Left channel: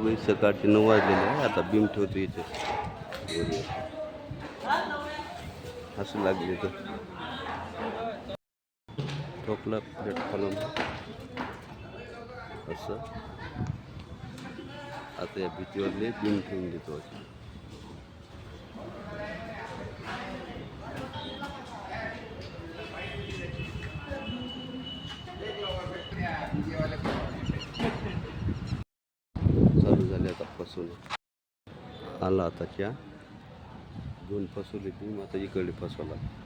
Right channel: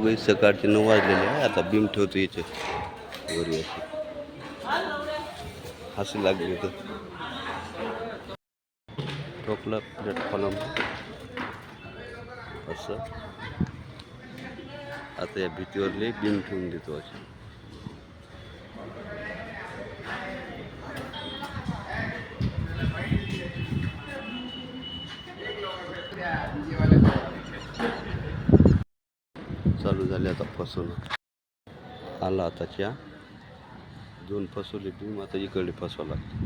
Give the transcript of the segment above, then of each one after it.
सकाळचे 9 वाजलेले आहे. आता बीम ठेवतो याच्यात वरी असं लागले तर टोपला प्लॅटफॉर्म असं. आता या भीतीवरले बीम ठेवून देतो अशी. चालू झाले आता फसवणं. आला आताच्या 2 फसवले बीम. आता इकडे फसवा लागते.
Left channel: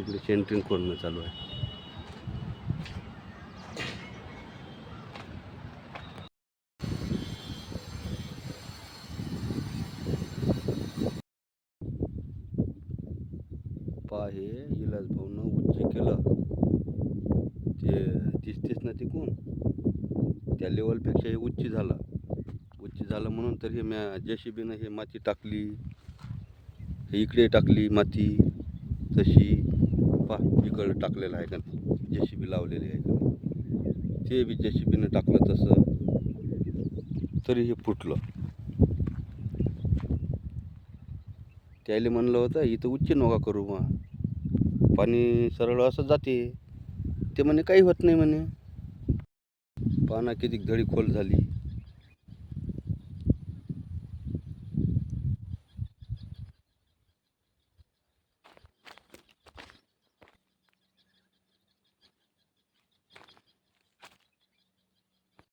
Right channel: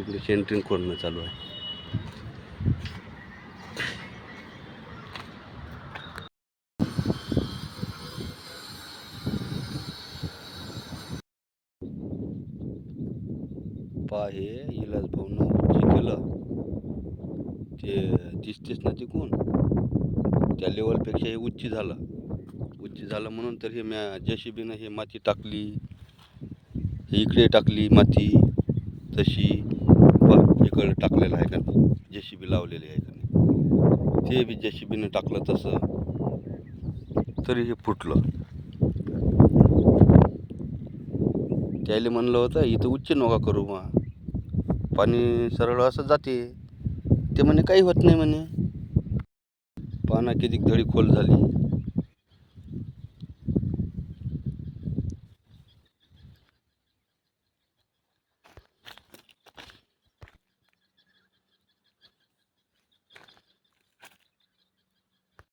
इकडे सेंटरिंग कोणनं चालू आहे. पहा हे इलाज भाऊनं जे केलं ते दिसतेच ना तिकून. त्या लेवलपेक्षा हे उच्च झालं म्हणून तर हे म्या JCBनं हे माती टाकली, हे इकडे टाकली माती तशी. इकडे टाकलेलं आहे का नाही, JCB लावलेली आहे का नाही, ते बी JCBनं टाकलं तसं तरी हे फुटलं. त्याला म्हणलं होतं इथं उच्च नका करू, मग पाणी सरळ असं जाते. ते म्हणे काही होत नाही म्हणे. पाना किती धडी खोल झाली.